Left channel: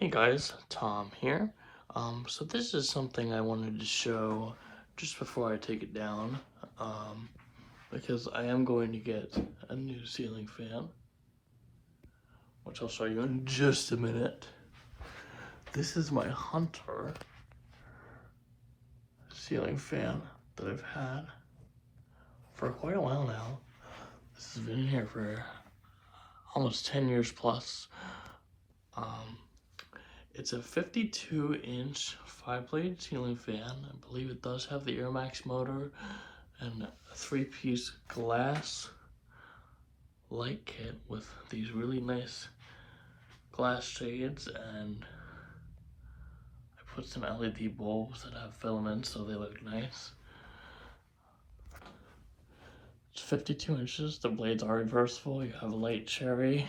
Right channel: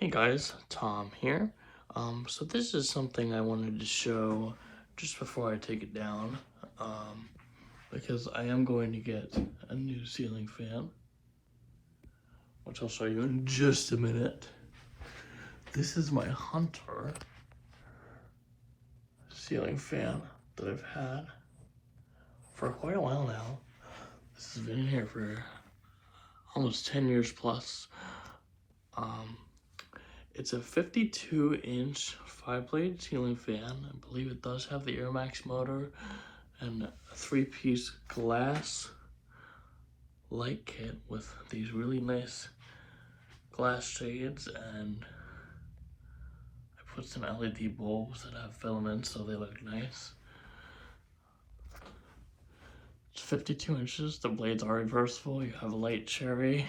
Hey guys, Tom here. So this is something I wanted to show just before I take it down, because I am going to get a new ceiling fan, which I'll show you in just a minute. This is my Hunter ceiling fan that I've had for quite a while now. This has been here for almost 10 years plus. It's a 52-inch 5-blade ceiling fan. I believe it does have the AirMax motor and a 3-piece glass light kit with these really nice glass shades, and I put some LED bulbs that have filaments so they look nice. It's 52 inches. The blades are reversible. You have light cherry,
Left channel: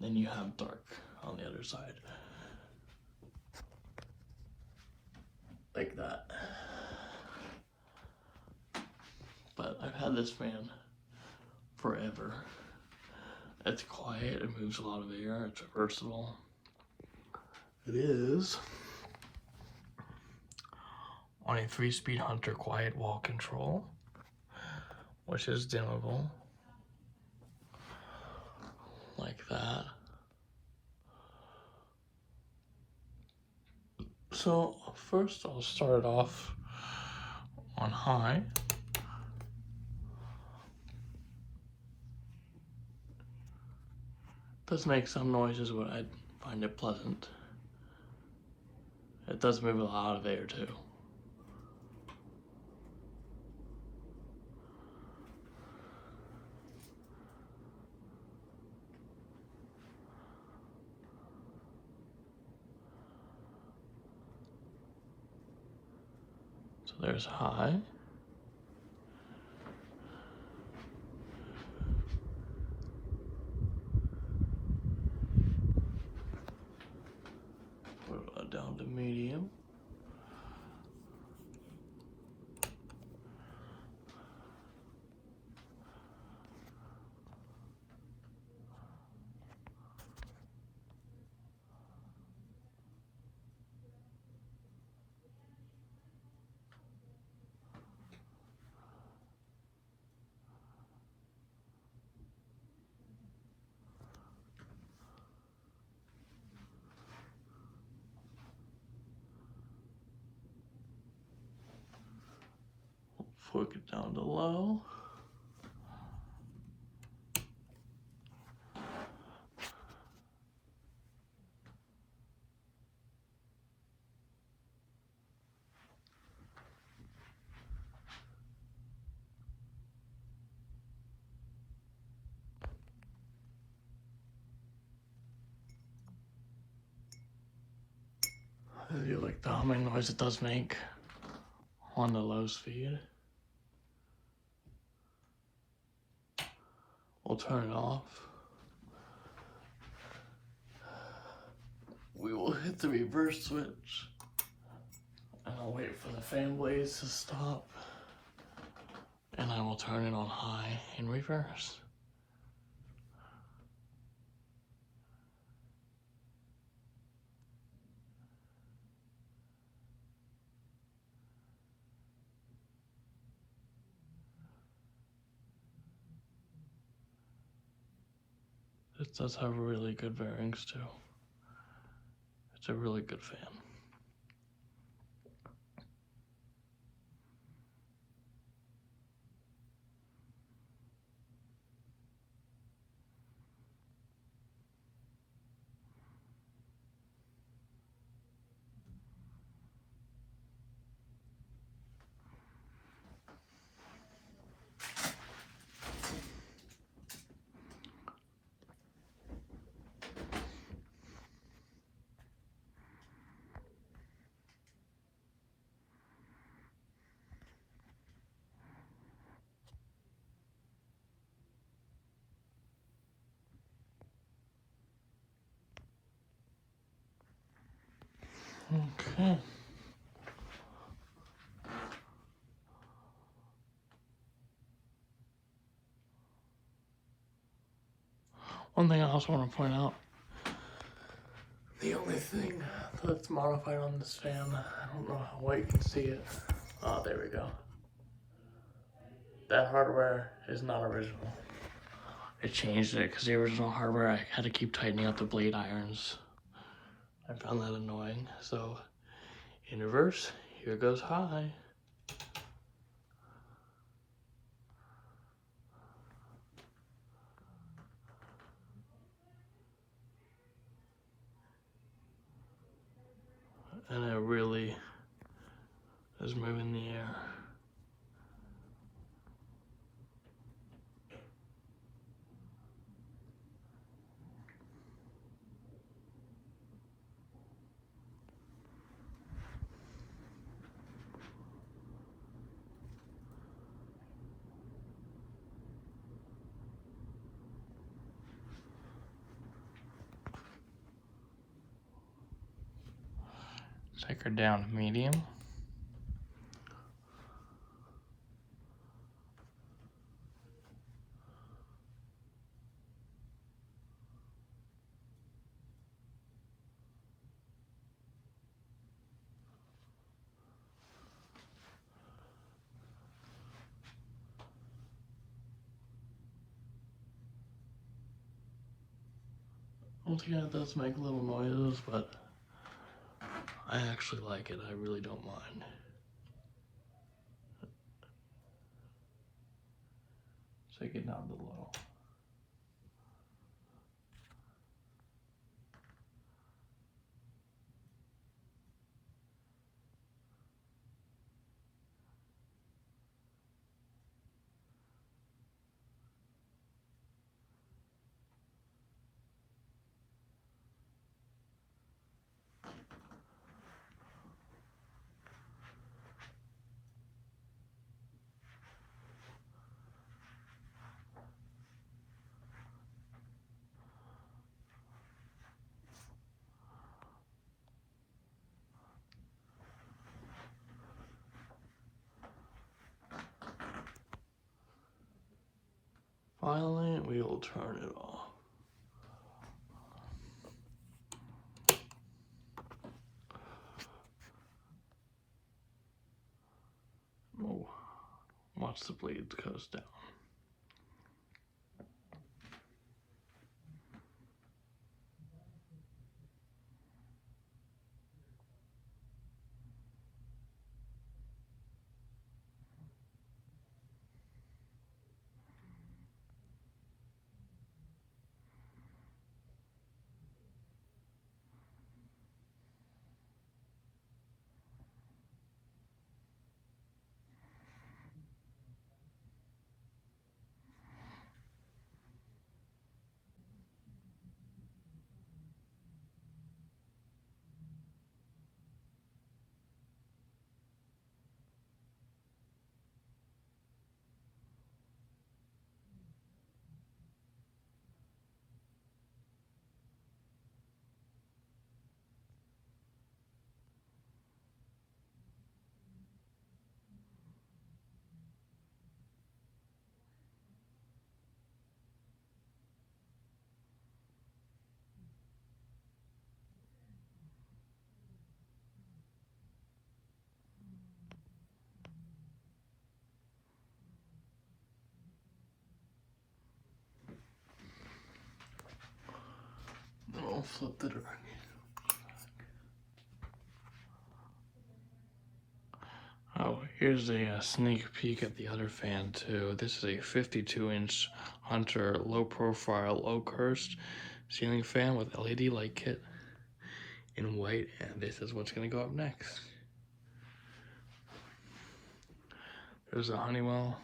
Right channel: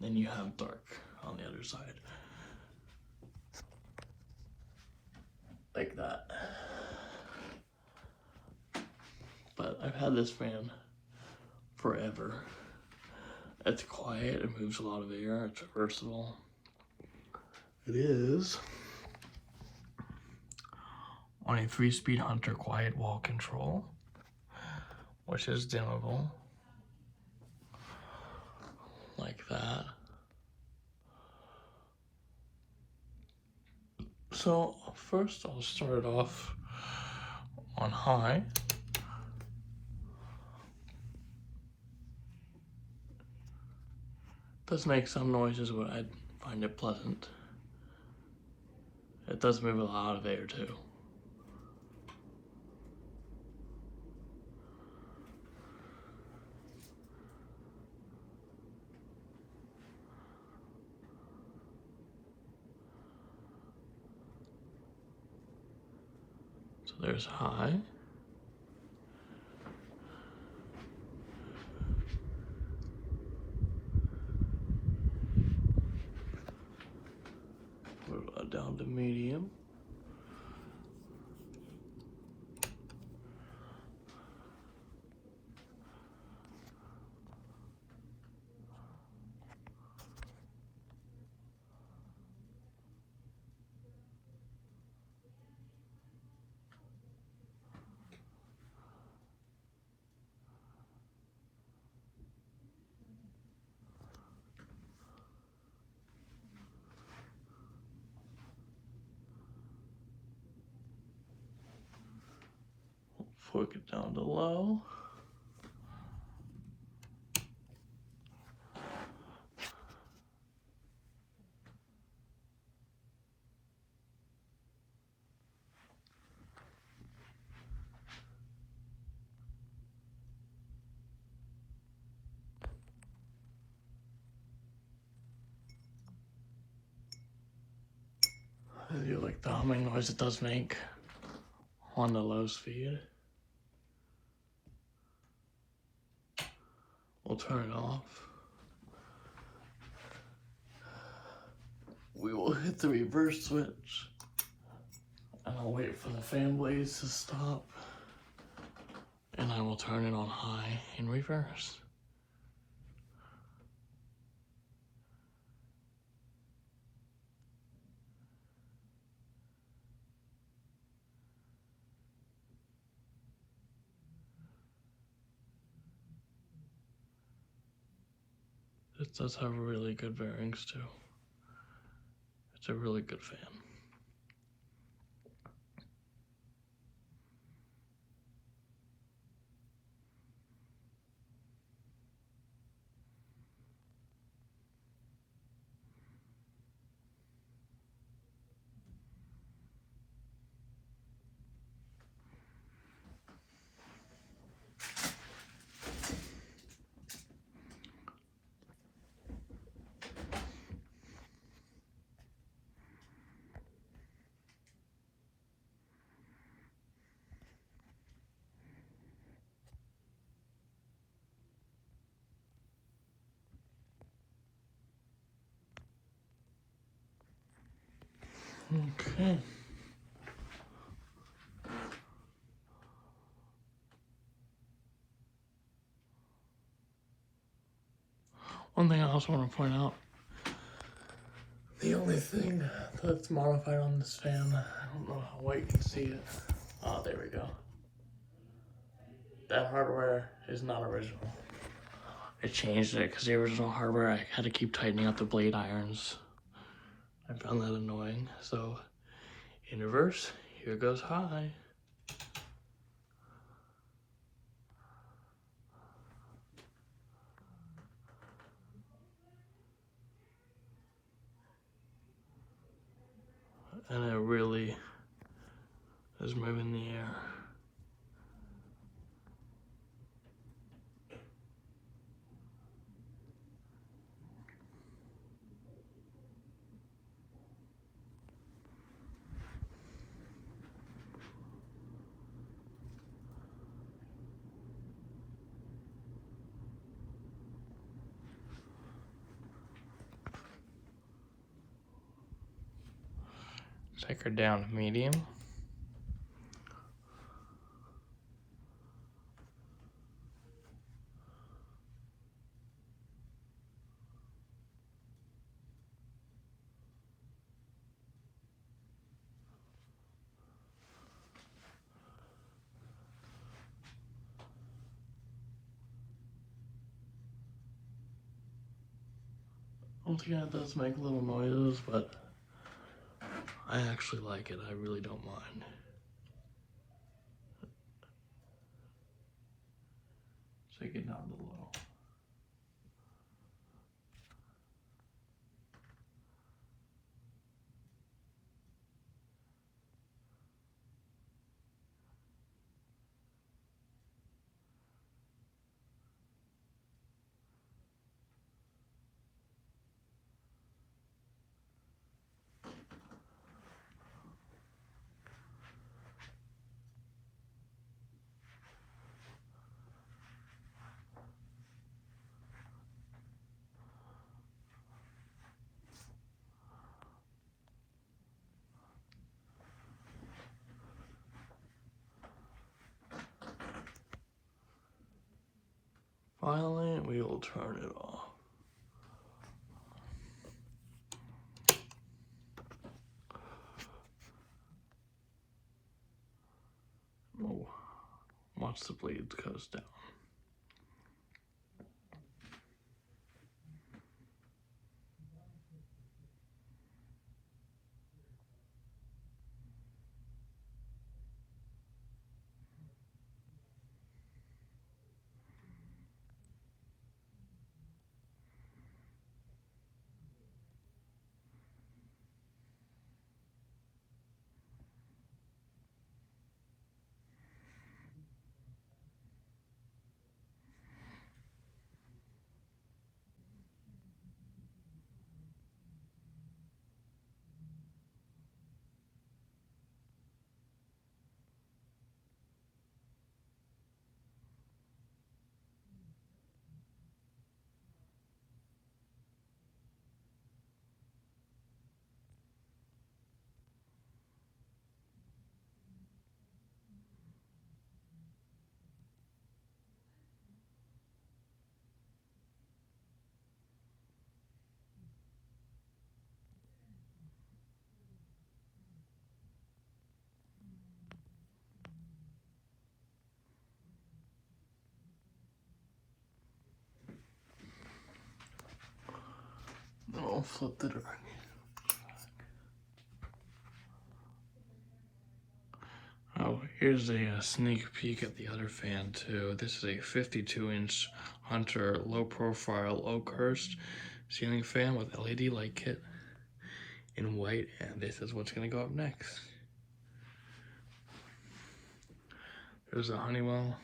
then you have dark on the other side. Like that. But I've had this fan forever. It's quiet, it moves a lot of air, it's reversible. It is on a 3-speed Hunter quiet wall control, which is dimmable, like that. So first I'll start off on high. It does make some noises, but I find it pleasant. It does move a lot of air too. So there's high. Down to medium. Fork it down to low. I do like the humming noise it does make on the low speed. We'll turn it off. We will hit the reverse switch, and I'll wait for the fan blades to stop, and I will turn it on high in reverse. It does have really good bearings too. It's a really good fan. Okay. One thing I also want to point out, The only thing that's modified on this fan, I don't know how well you can see it. Oh, there we go. That hardware is not original. I changed it because the original hardware, I had to keep tightening up the blade irons. I found that annoying. So, in reverse, here goes high. And it really is moving the air. Take her down medium. Once again, it does make little noises, but I actually like it. I really don't mind. Take it down to low. Finally, we will turn it off. Oh, watch the blades goes down. I'll flip the direction. Oh, here's a sneak peek at the other fan too. This is a 52-inch Hunter low-profile Oakhurst ceiling fan with LED light kit in white, and this is what's going to go up next. There's a Honeywell.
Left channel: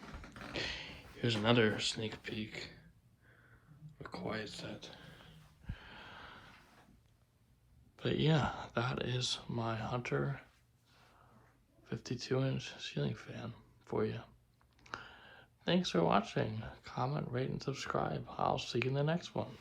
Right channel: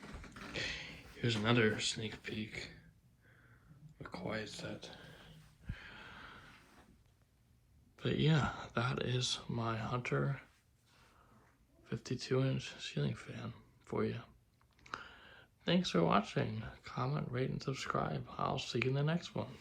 Here's another sneak peek. A QuietSet. But yeah, that is my Hunter 52-inch ceiling fan for you. Thanks for watching. Comment, rate, and subscribe. I'll see you in the next one.